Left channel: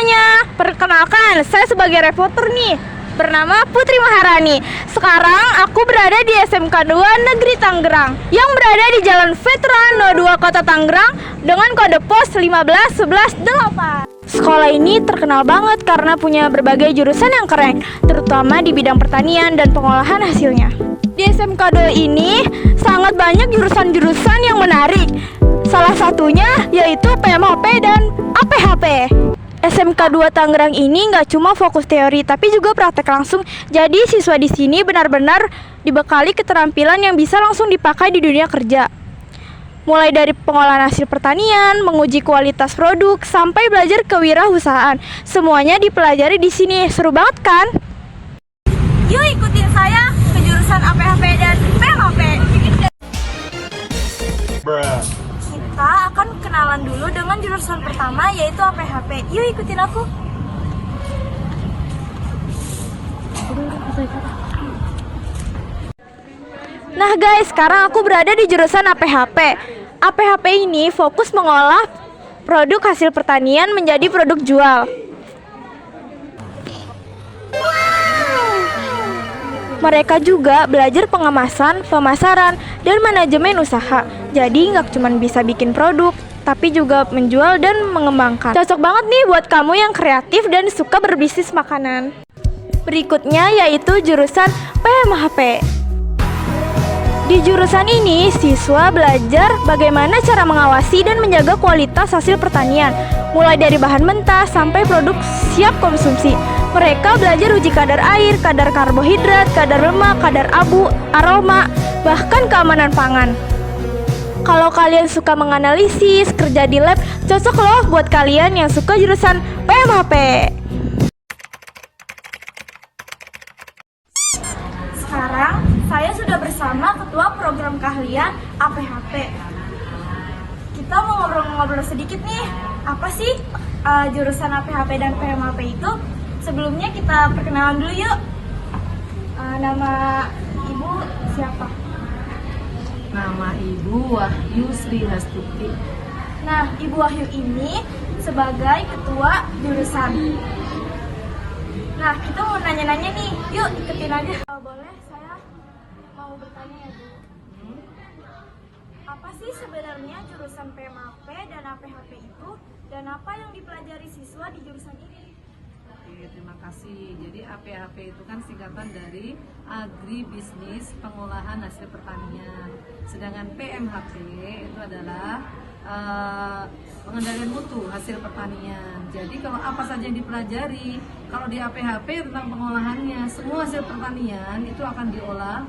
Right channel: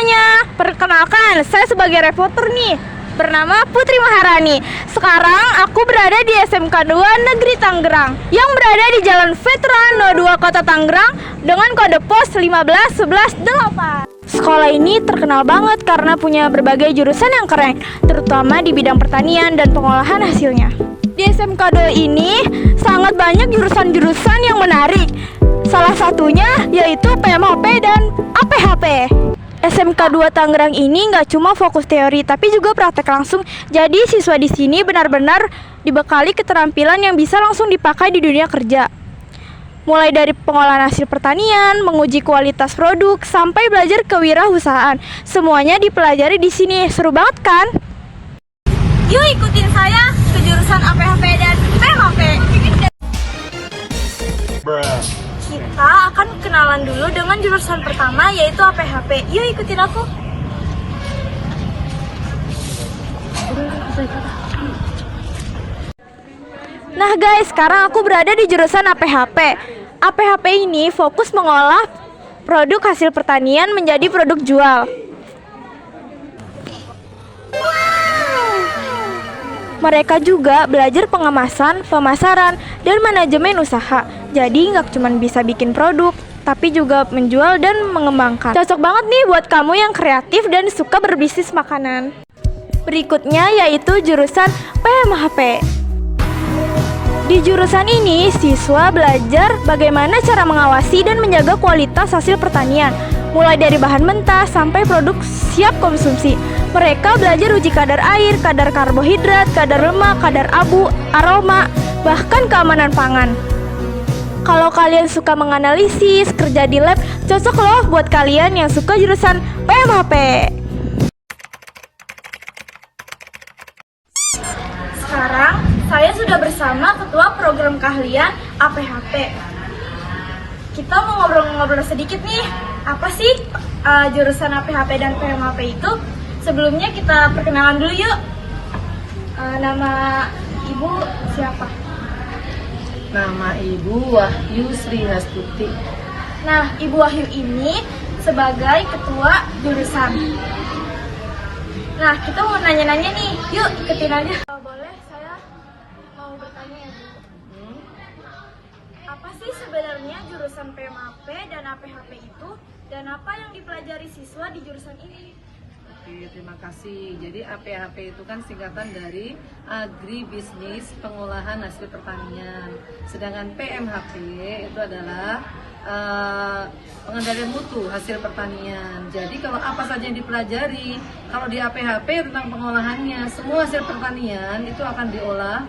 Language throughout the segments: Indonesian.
semuanya, perkenalkan saya sebagai reporter nih, bernama Putri Maharani. Sekarang aku berada di SMK 2 Negeri Tangerang yang berada di Jalan Veteran 02 Kota Tangerang dengan kode pos 15118. Sekolah ini terkenal banget karena punya berbagai jurusan yang keren, terutama di bidang pertanian dan pengolahan hasilnya. Di SMK 2 ini sangat banyak jurusan-jurusan yang menarik. Salah satunya yaitu PMHP dan APHP. SMK 2 Tangerang ini nggak cuma fokus teori tapi juga praktek langsung. Jadi siswa di sini benar-benar dibekali keterampilan yang bisa langsung dipakai di dunia kerja. Mulai dari pengolahan hasil pertanian, menguji kualitas produk, sampai belajar kewirausahaan. Semuanya dipelajari di sini. Seru banget kan? Yuk ikutin saya ke jurusan APHP dan PMHP. Kita akan kenalan dulu dengan jurusan pertama yaitu APHP. Yuk ikutin aku. Nah guys, sekarang aku berada di jurusan APHP. APHP ini fokus mengolah produk hasil pertanian menjadi produk jual. Mereka juga belajar pengemasan, pemasaran, dan manajemen usaha. Jadi nggak cuma bisa bikin produk, tapi juga menjual dan mengembangkan. Cocok banget nih buat kamu yang kreatif dan suka berbisnis makanan. Berikutnya yaitu jurusan PMHP. Di jurusan ini, siswa belajar bagaimana cara mengawasi dan menjaga kualitas hasil pertanian, mulai dari bahan mentah sampai produk siap konsumsi. Mereka belajar uji kadar air, kadar karbohidrat, kadar lemak, kadar abu, aroma, bahkan keamanan pangan. Kalau kalian suka menganalisis, kerja di lab, cocok loh buat kalian yang suka jurusan PMHP. Sekarang, saya sudah bersama Ketua Program Keahlian APHP. Kita mau ngobrol-ngobrol sedikit nih, apa sih jurusan APHP dan PMHP itu? Sebelumnya kita perkenalan dulu yuk. Nama Ibu siapa? Nama Ibu Wahyu Sri Hastuti. Nah, Ibu Wahyu ini sebagai ketua jurusan. Nah, kita mau nanya-nanya nih. Yuk, ikutin aja. Boleh, saya mau bertanya ya, Bu. Apa sih sebenarnya jurusan PMHP dan APHP itu? Dan apa yang dipelajari siswa di jurusan ini? Oke, terima kasih. Jadi APHP itu kan singkatan dari Agribisnis Pengolahan Hasil Pertanian. Sedangkan PMHP itu adalah pengendalian mutu hasil pertanian. Jadi kalau apa saja yang dipelajari, kalau di APHP tentang pengolahannya, semua hasil pertanian itu akan diolah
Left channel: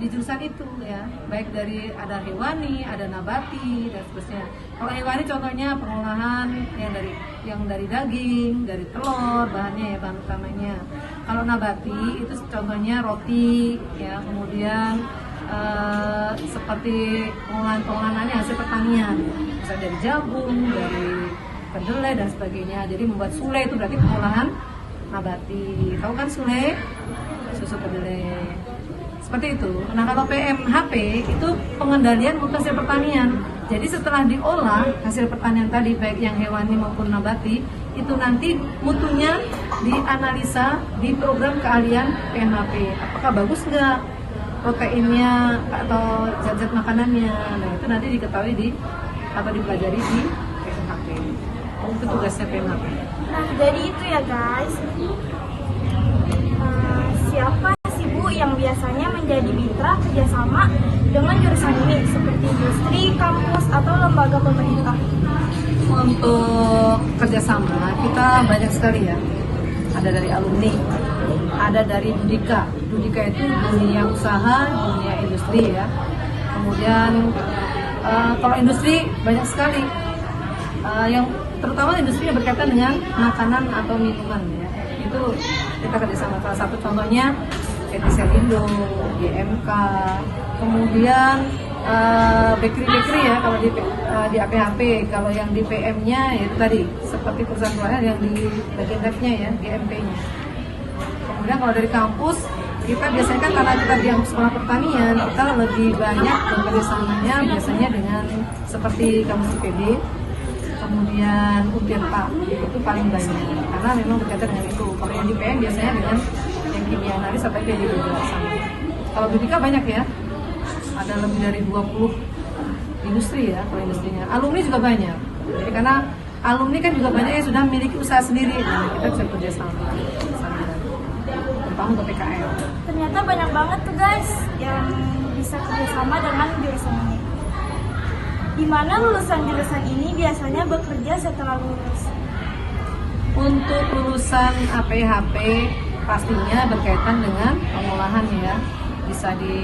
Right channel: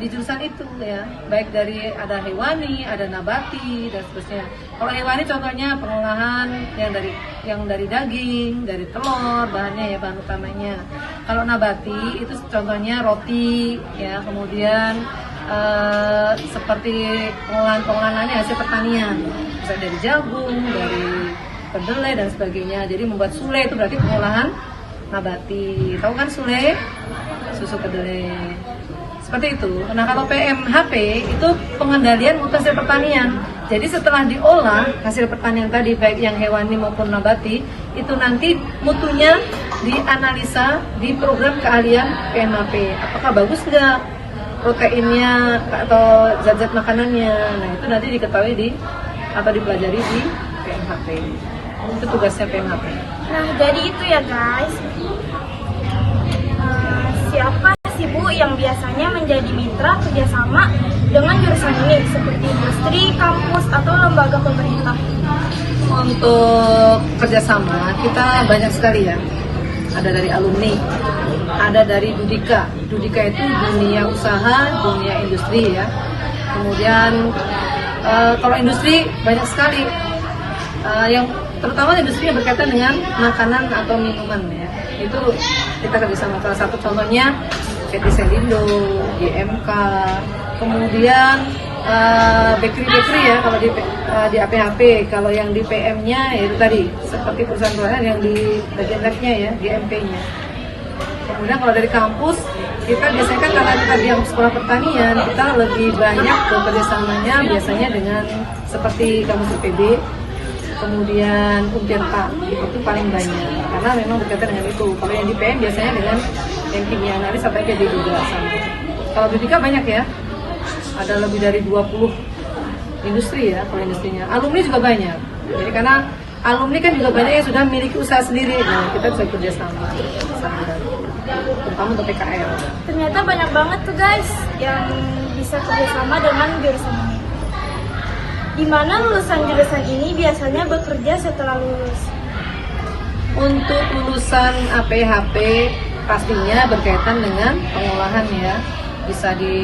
di jurusan itu ya, baik dari ada hewani, ada nabati dan seterusnya. Kalau hewani contohnya pengolahan yang dari daging, dari telur, bahannya ya, bahan utamanya. Kalau nabati itu contohnya roti ya, kemudian seperti pengolahan hasil pertanian, misalnya dari jagung, dari kedelai dan sebagainya. Jadi membuat sule itu berarti pengolahan nabati. Tahu kan sule? Susu kedelai. Seperti itu. Nah, kalau PMHP itu pengendalian mutu hasil pertanian. Jadi setelah diolah hasil pertanian tadi, baik yang hewani maupun nabati, itu nanti mutunya dianalisa di program keahlian PMHP. Apakah bagus nggak proteinnya atau zat-zat makanannya? Nah, itu nanti diketahui atau dipelajari di PMHP. Itu tugasnya PMHP. Nah, jadi itu ya guys. Siapa sih Bu yang biasanya menjadi mitra kerjasama dengan jurusan ini seperti industri, kampus, atau lembaga pemerintah? Untuk kerjasama kita banyak sekali ya. Ada dari alumni, ada dari Dudika. Dudika itu dunia usaha, dunia industri ya. Kemudian kalau industri banyak sekali yang terutama industri yang berkaitan dengan makanan atau minuman ya. Itu kita kerjasama. Salah satu contohnya PT Selindo, GMK, kemudian bakery ya kalau di APHP. Kalau yang di PM-nya ya itu tadi seperti perusahaan-perusahaan yang di bagian-nya ya, GMP-nya. Kemudian kalau dari kampus kita biasanya kan karena kita di sekolah pertanian, kita lebih banyak bekerja samanya biasanya dengan seperti kampus IPB, kemudian Untirta itu paling banyak karena memang berkaitan dengan itu. Kalau yang di PM biasanya dengan yang kimia analis atau PD juga sama. Kalau Dudika banyak ya, ada lebih dari 20 industri ya kalau industrinya. Alumni juga banyak. Jadi karena alumni kan juga banyak yang sudah memiliki usaha sendiri. Nah, kita bisa kerja sama, terutama untuk PKL. Ternyata banyak banget tuh guys yang bisa kerjasama dengan jurusan ini. Di mana lulusan jurusan ini biasanya bekerja setelah lulus? Untuk lulusan APHP pastinya berkaitan dengan pengolahan ya, bisa di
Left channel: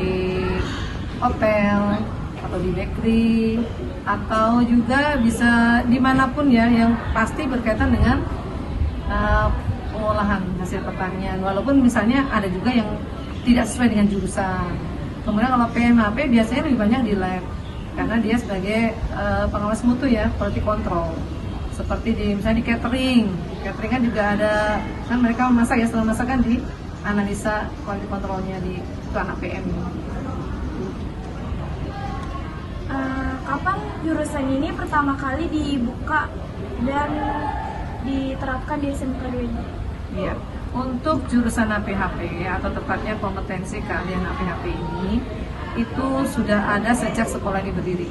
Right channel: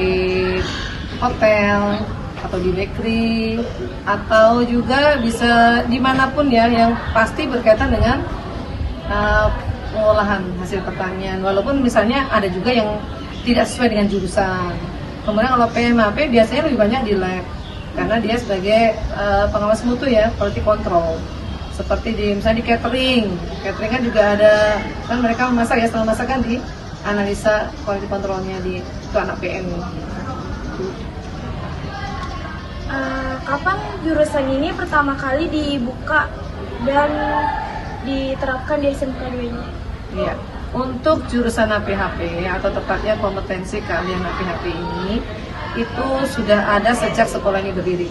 hotel atau di bakery atau juga bisa dimanapun ya, yang pasti berkaitan dengan pengolahan hasil pertanian. Walaupun misalnya ada juga yang tidak sesuai dengan jurusan. Kemudian kalau PMAP biasanya lebih banyak di lab karena dia sebagai pengawas mutu ya, quality control. Seperti di misalnya di catering kan juga ada, kan mereka memasak ya, setelah masak kan di analisa quality controlnya di itu anak PM. Kapan jurusan ini pertama kali dibuka dan diterapkan di SMK 2 ini? Iya, untuk jurusan APHP atau tepatnya kompetensi keahlian APHP ini itu sudah ada sejak sekolah ini berdiri,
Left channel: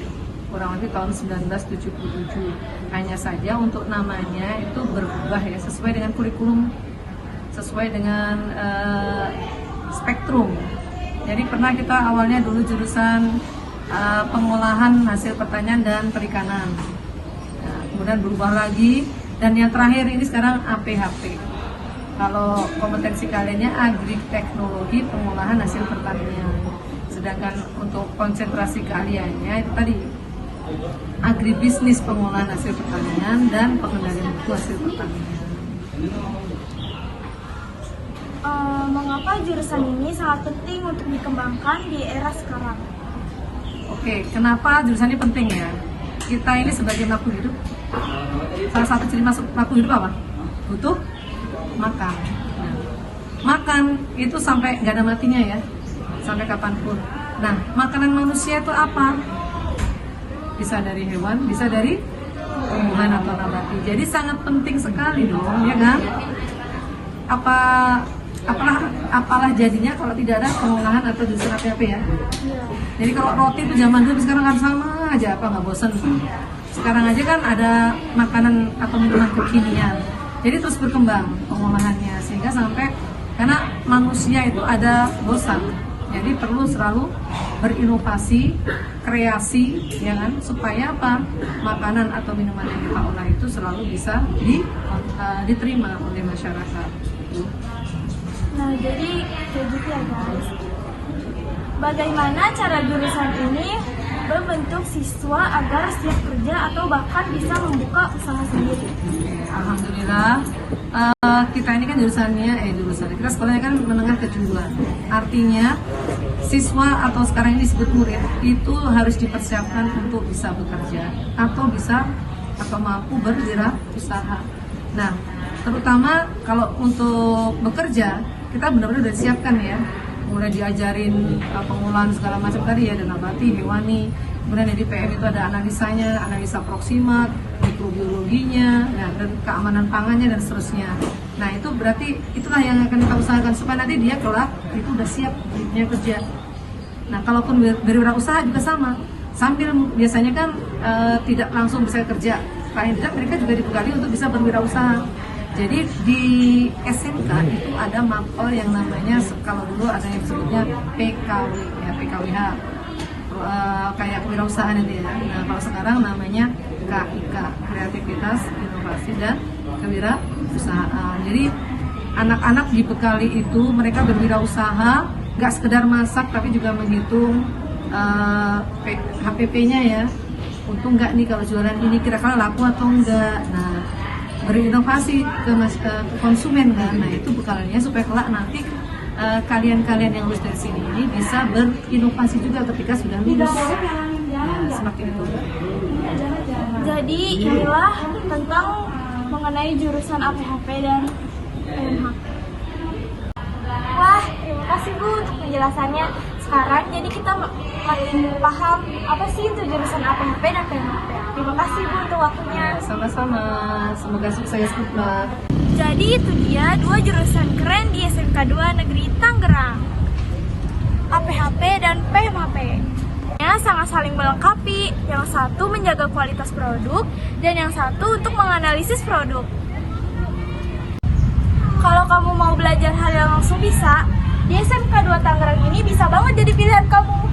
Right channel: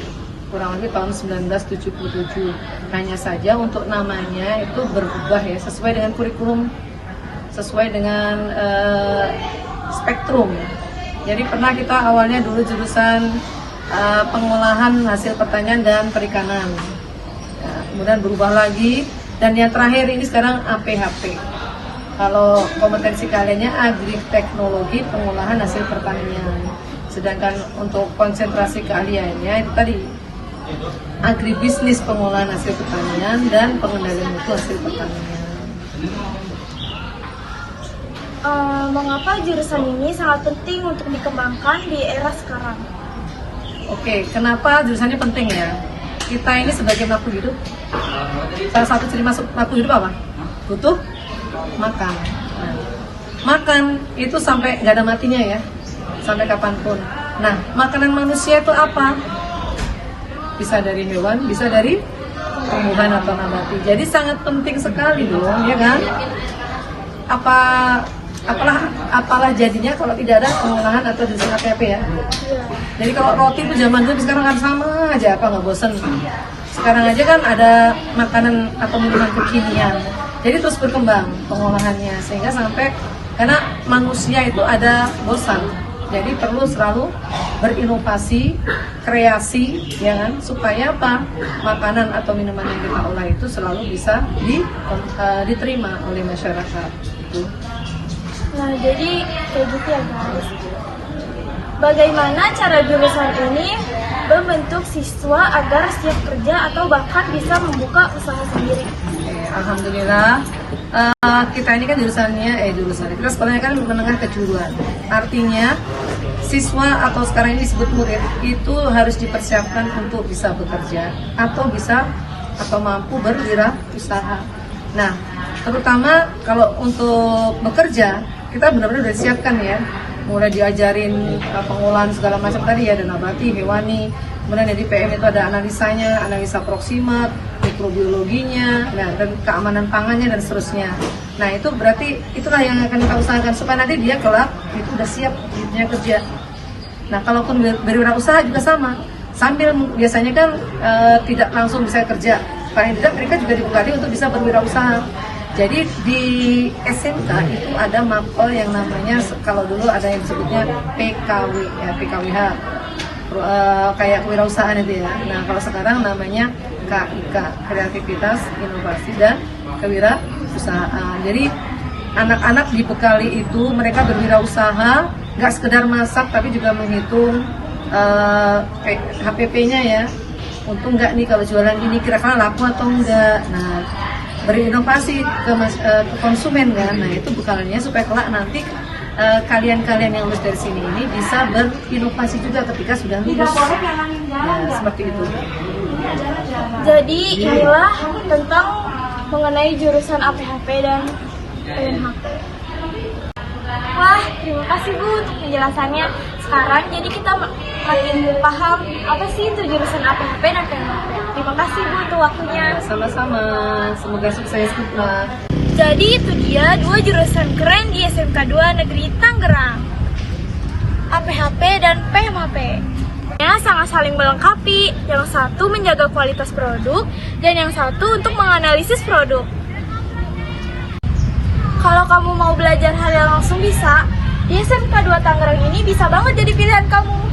kurang lebih tahun 1977. Hanya saja untuk namanya itu berubah ya, sesuai dengan kurikulum, sesuai dengan spektrum. Jadi pernah kita awalnya dulu jurusan pengolahan hasil pertanian dan perikanan, ya, kemudian berubah lagi, dan yang terakhir ini sekarang APHP. Kalau kompetensi kaliannya agri-teknologi pengolahan hasil pertanian, sedangkan untuk konsentrasi keahliannya itu tadi agribisnis pengolahan hasil pertanian dan pengendalian mutu hasil pertanian. Mengapa jurusan ini sangat penting untuk dikembangkan di era sekarang? Oke, kenapa jurusan ini penting ya? Kita ini sebagai makhluk hidup, salah satu ciri makhluk hidup apa? Butuh makan. Nah, makan itu sampai nggak ada matinya ya, sampai kapanpun. Nah, makanan manusia itu apa? Bisa dari hewan, bisa dari tumbuhan atau nabati. Jadi sangat penting sekali dong, ya kan? Apalah jadinya kalau tidak ada pengolahan atau jurusan APHP ya. Iya. Jadi kalau roti itu zaman dulu sekarang kan sama aja, apa nggak bosen. Sekarang aja kan ada makanan atau minuman kekinian. Jadi terus berkembang pengolahannya sehingga sampai, karena manusia itu ada bosan. Jadi perlu selalu berinovasi, kreasi, ya kan, supaya apa? Makanan atau minuman yang kita olah itu selalu bisa diterima oleh masyarakat. Nah, jadi kayak gitu ya guys. Bagaimana cara jurusan ini membentuk siswa agar siap kerja atau bahkan bisa membuka usaha sendiri? Alhamdulillah, kita ini kan jurusan kita sekolahnya kan menengah kejuruan. Artinya siswa atau sekarang ini disebut murid itu harus dipersiapkan untuk bisa bekerja atau mampu berwirausaha. Nah, terutama kalau untuk bekerja kita benar-benar sudah disiapkan ya, mulai diajarin pengolahan segala macam tadi ya, ada nabati, hewani, kemudian di PM itu ada analisanya, analisa proksimat, mikrobiologinya, nah, dan keamanan pangannya dan seterusnya. Nah, itu berarti itulah yang akan kita usahakan supaya nanti dia kelak itu udah siap dunia kerja. Nah, kalaupun berwirausaha juga sama, sambil biasanya kan tidak langsung bisa kerja, paling tidak mereka juga dibekali untuk bisa berwirausaha. Jadi di SMK itu ada mapel yang namanya, kalau dulu ada yang disebutnya PKW ya, PKWH, kayak kewirausahaan itu ya. Nah, kalau sekarang namanya KIK, Kreativitas, Inovasi dan Kewirausahaan. Jadi anak-anak dibekali itu mereka berwirausaha, nggak sekedar masak tapi juga menghitung HPP-nya ya. Untung nggak nih kalau jualan ini kira-kira laku atau enggak. Nah, berinovasi ke konsumen kan. Nah, itu bekalnya supaya kelak nanti kalian-kalian yang lulus dari sini ini bisa berinovasi juga ketika sudah lulus. Nah, seperti itu. Jadi inilah tentang mengenai jurusan APHP dan PMHP. Wah, terima kasih Bu untuk penjelasannya. Sekarang jadi kita makin paham apa sih itu jurusan APHP dan PMHP. Terima kasih Bu untuk waktunya. Sama-sama, semoga sukses Hikmah. Jadi itu dia 2 jurusan keren di SMK 2 Negeri Tangerang. APHP dan PMHP. Ya, sangat saling melengkapi. Yang satu menjaga kualitas produk dan yang satu untuk menganalisis produk. Kalau kamu mau belajar hal yang langsung bisa, di SMK 2 Tangerang ini bisa banget jadi pilihan kamu.